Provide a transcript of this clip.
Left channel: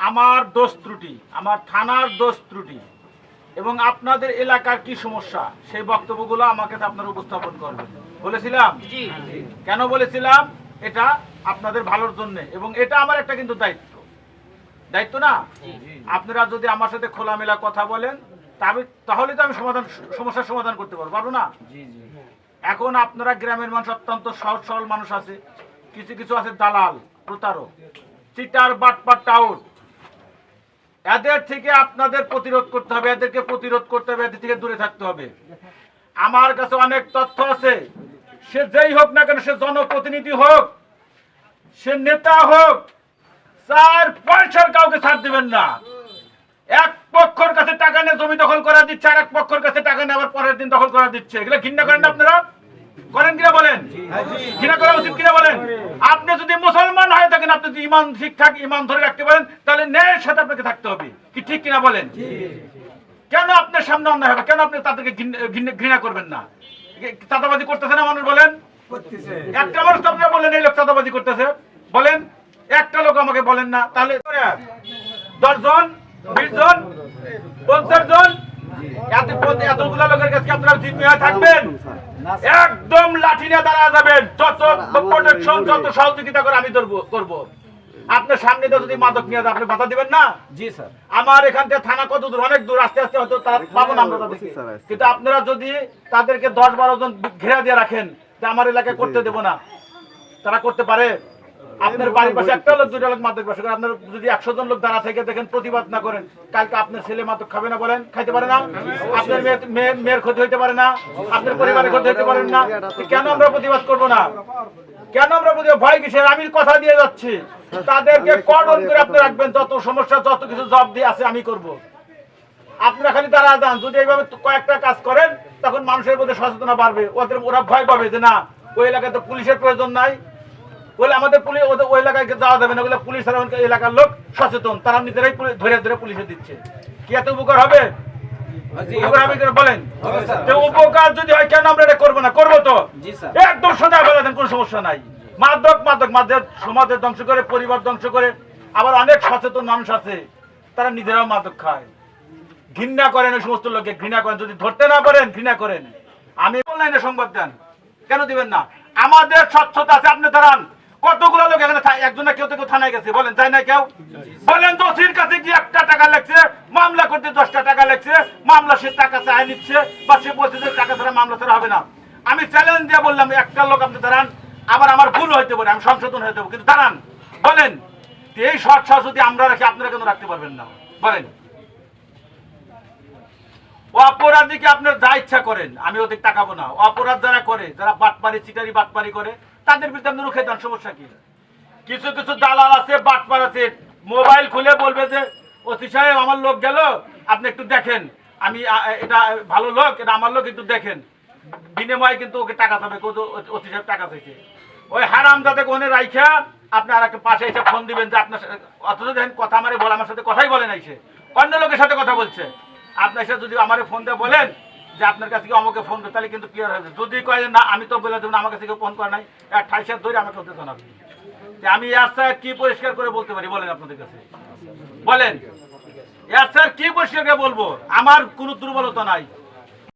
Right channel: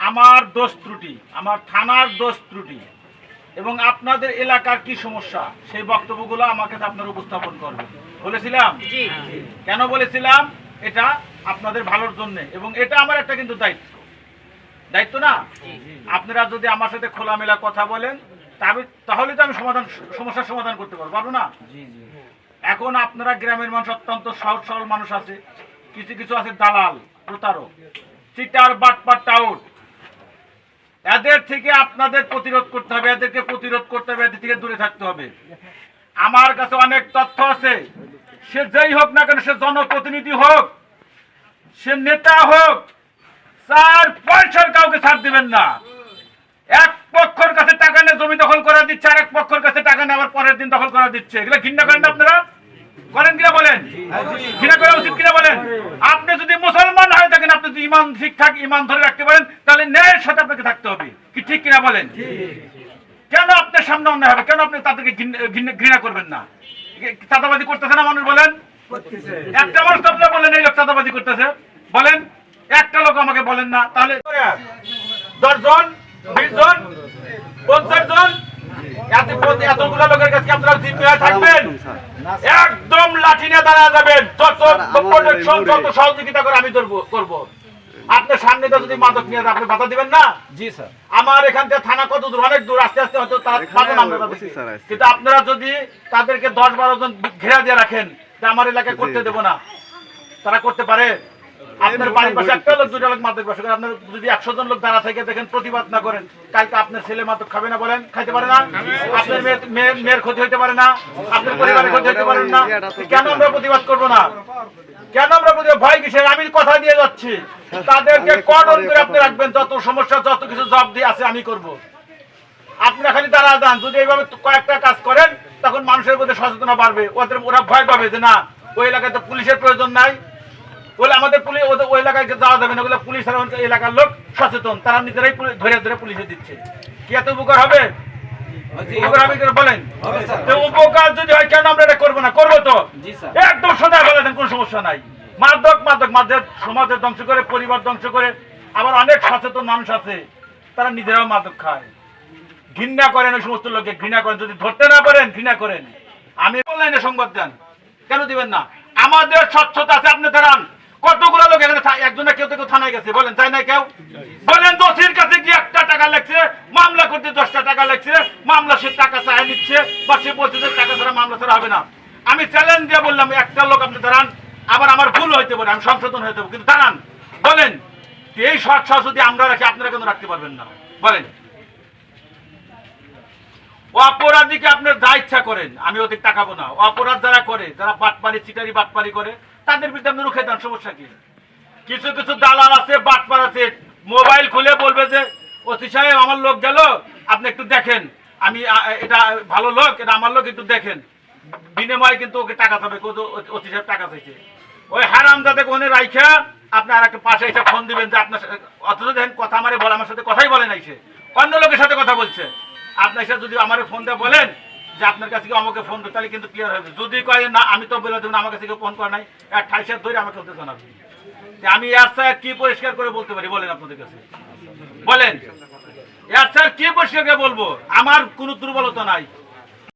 আমার দোষ ত্রুটি আমার থানার দোষ ত্রুটি এবং আপনাদের এলাকার কি সমস্যা সেই বক্তব্যগুলো আমাকে আপনারা উপস্থাপন করবেন। বলেছিলাম? কেন বলেছিলাম? এটা আপনাদের ভালোর জন্য এবং এটা আমার একটা কিন্তু দায়িত্ব। দায়িত্ব না? আপনারা যদি আমার সাথে খোলামেলা কথা বলেন তাহলে তো আমি সমাধান সমস্যার সমাধান করতে পারব পারব না? এখন আপনারা গ্রামের মানুষ অত্যন্ত সহজ সরল মানুষ আছে। কিছু কিছু আছে দালাল প্রতারক চিটার বাটপাট টাউট এদের থেকে আপনাদের প্রতিরোধ করতে হবে, এদেরকে প্রতিরোধ করতে হবে, এদের থেকে দূরে থাকতে হবে। আমার কাছে অনেক তথ্য আছে। সে যেই হোক না কেন, সে জনপ্রতিনিধি হোক, সে নেতা হোক চার পয়সার কাউকে ছাড় দিবেন না। এক পক্ষের কাছে টাকা নিয়ে জমি দখল করা দিচ্ছে আর এক পক্ষের কাছে টাকা নেওয়ার পরের দিন দখল করা দিচ্ছে। এগুলো ঘৃণা করেন আপনারা? করেন কিনা বলেন? ঘৃণা করা উচিত কিনা বলেন? আপনি যদি মুসলমান হয়ে থাকেন, আপনি যদি ইমান ঠিকঠাক ইমান ধরে রাখতে পারেন, তাহলে ন্যায়ের সাথে আপনাকে থাকতে হবে। কি ঠিক কিনা বলেন? কেন আপনার সামনে অন্যায় হবে? কেন আপনি তাদেরকে ঘৃণ- করবেন না? চাঁদাবাজি করতেছে না মানুষ বলেন? একটা মানুষ তো আপনারা বলেন, এই লোক চাঁদাবাজি করতেছে। বলেন, একটা লোক আমাকে বলেন না, তাহলে দশজন বিশ জন, পঞ্চাশ জন এত এতগুলো লোকের কাছে আপনারা জিম্মি হয়ে থাকবেন? একদম লাঠি নিয়ে দাঁড়া যাবেন। যত প্রোটেকশন যত সহযোগিতা করে আমি করব। আপনার সামনে যদি মাদক নিয়ে আপনি বাধা দিবেন না? জি স্যার। আমার এখান থেকে থানা কত দূর? অনেক দূর। আস্তে আস্তে হয়তো তারা পাবো না তাদেরকে। কিন্তু আপনারা যদি তাদেরকে দশ বারো জন ঘেরা দিয়ে রাখেন যে আমার এলাকায় করতে দেবো না। তারা করতে পারে? আপনার বাড়ির পাশে একটা লোক লোক মাদক করে আপনার যদি একশো জন লোক দাঁড়া দেখেন প্রতিবাদ না করেন। কালকে আপনার ছেলে মাদক খাবে না বলেন, খাইতে পারে না। আপনার মেয়ের- মেয়ের ক্ষতি হইতে পারে না। আপনার পরিবারের ক্ষতি হইতে পারে না। কেন আমরা প্রতিবাদ করব না? কেন আমরা প্রতিবাদ ভয় কিসের? আমি কথা দিয়ে যাচ্ছি। তাদেরকে কঠোর করে আপনি রাখবেন। যত সমস্যা, যত কিছু জব দিয়ে আছে, আমি করব। আপনারা খালি দাঁড়া যান। যদি এইভাবে কয়েকটা কাজ করেন, তখন মানুষের মধ্যে সচেতনতা বাড়বে। ওদের ওরা ভয় পাবে যে না, ওই এলাকায় তো পুলিশের প্রয়োজন নাই। বলে আমাদের পুলিশ ওদের ওই এলাকায় যাওয়া যাবে না। ওগুলো পুলিশ আর এলাকার লোক সচেতন। তারা নিজেরাই ধরে ধরে পুলিশে দিচ্ছে। কি এত উপকার হবে? বলেন? উপকার যদি হয় কেন আমরা এটা করব না? করব তো। একদম সোজা ফেলে দেন কোনো সমস্যা নাই। মাদক মাদক মাদের সমাজের ধ্বংস করে পরিবার ধ্বংস করে আবার অনেক সচেতন মানুষ আছে তারা নিজেরাও মাদক খায়। ঘৃণা করেন ওই সমস্ত লোককে ঘৃণা করেন। যদি ধরতে না পারেন ঘৃণা করেন। আমি অনলাইনে সংবাদ দেন। কেন দিবেন না? আমাদের স্বচ্ছতা আছে আপনি দাঁড়ান। কতগুলো লোক এখানে থা- একজনে কেউ তো থানায় গেছে, বলেন, তাই না কেউ? বলেন, দোষীর কাছে কি একটা টাকা লাগছে, মামলা করতে দশটা টাকা লাগছে, মামলা সে টাকা চায় নিচ্ছে, বা সে বলছে যে টাকা ছাড়া মামলা ছাড়া হবে না। আমি চ্যালেঞ্জ দিয়ে বললাম, একটা লোক আপনি দাঁড়ান, আবার আমার ভুল হইতে পারে, আমি সংশোধন হইতে পারে, কিন্তু দাঁড়ান, বলেন এই সৎসা যদি আমরা রাখি আপনারা কেন রাখতে পারবেন না? বলেন। অপরাধীকে আপনার যা ইচ্ছা করেন, আমি ওদের টাকাবো না। অপরাধ যারা করে, যারা বাটপারি চিটারি বাটপারি করে তাদের বিরুদ্ধে আপনি রুখে দেন, সমস্যা কি? কিছু কিছু দালাল আছে, বাটপার আছে, মোবাইল খুলে বলবে যে অতি সাহেব, আমার লোক গেল, আপনি একটু দেখেন। আমি এটা ভালো লোক, এটা আমার লোক, একটু দেখেন। বিনিময়ে কিন্তু ওকে টাকা চাবে অতি সাহেব টাকা চাইছে। ওই হারাম যাতে কোনে রাইখা, আপনি আর একটা পাশে এসে ফোন দিবেন যে, আপনার সাথে- অথচ দেখেন, কথা আমারে বলে, আমার সাথে কথাই বলে নাই সে। অন্য লোকের সাথে কথা বলছে। আপনার সাথে যদি আমার ফোন দিয়ে বলেন যে আপনার কাছে আমাকে ফোন করে তাহলে কিন্তু ক্লিয়ার হয়ে যাবে যদি কয় না, আমি তো বলে দেবেন আমার কাছে কেউ ফোন করে নাই এক ঠাইসার ধরে আমাকে ওদের জানাবি আমি এর স্যার কি পরিষ্কার করে বলতে পারি, বলেন আপনাদের কাছে। বলেন। এর স্যার কি পরিষ্কার করে বলব? আমার কোনো দুর্বলতা নাই।